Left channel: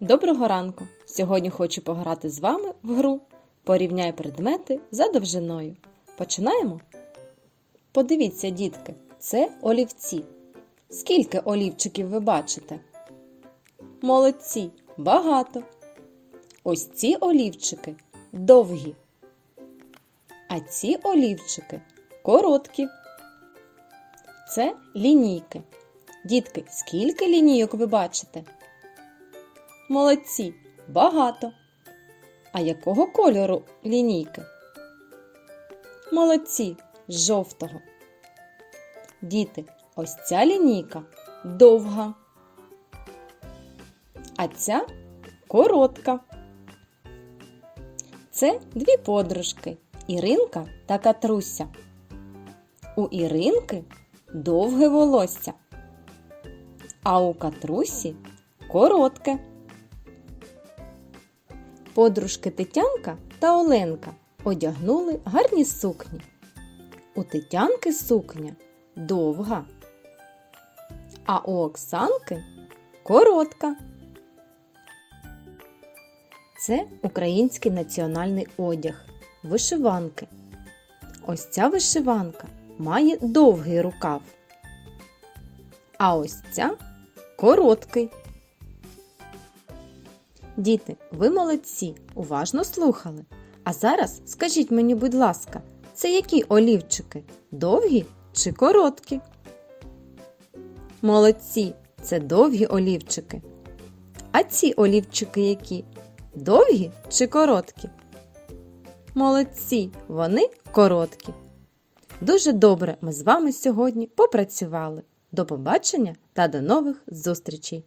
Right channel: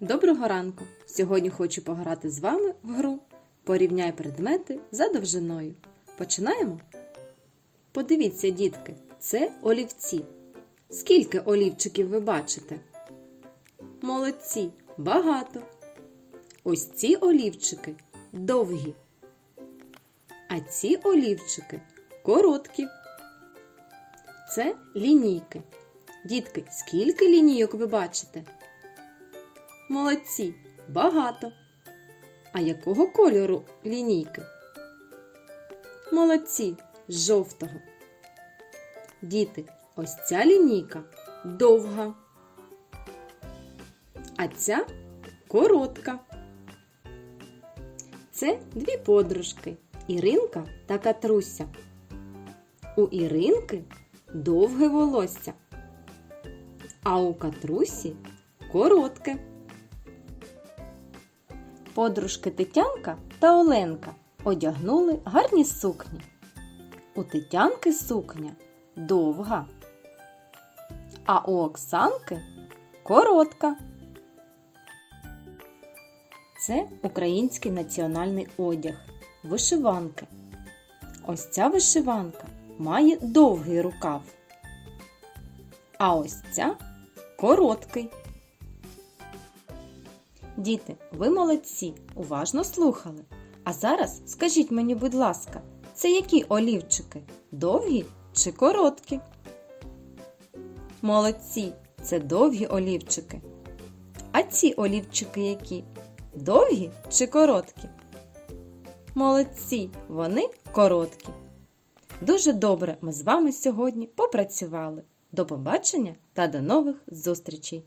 Доброго ранку! Сьогодні хочу пограти з вами в гру Порівняй предмети за довжиною. Починаємо? Подивіться, дітки, це олівці. Скільки олівчиків ви бачите? Молодці, багато. Ось ці олівчики довгі. А ці олівчики короткі. Це лінійки. Дітки, скільки лінійок ви бачите? Молодці, багато. А якого кольору лінійки? Молодці, жовтого. Діти, ось ця лінійка довга. А ця коротка. Це дві подружки Іринка та Катруся. У Іринки довге волосся, а у Катрусі коротке. Подружки Тетянка та Оленка одягнули гарні сукні. У Тетянки сукня довга, а у Оксанки коротка. Це український національний одяг вишиванки. Ось ця вишиванка має довгий рукав, а ось ця короткий. Діти, ви молодці, уважно слухали. А зараз скажіть мені, будь ласка, це які олівчики? Довгі чи короткі? Молодці, це довгі олівчики. А ці олівчики які? Довгі чи короткі? Молодці, вони короткі. Дуже добре ми з вами сьогодні попрацювали. До побачення та до нових зустрічей!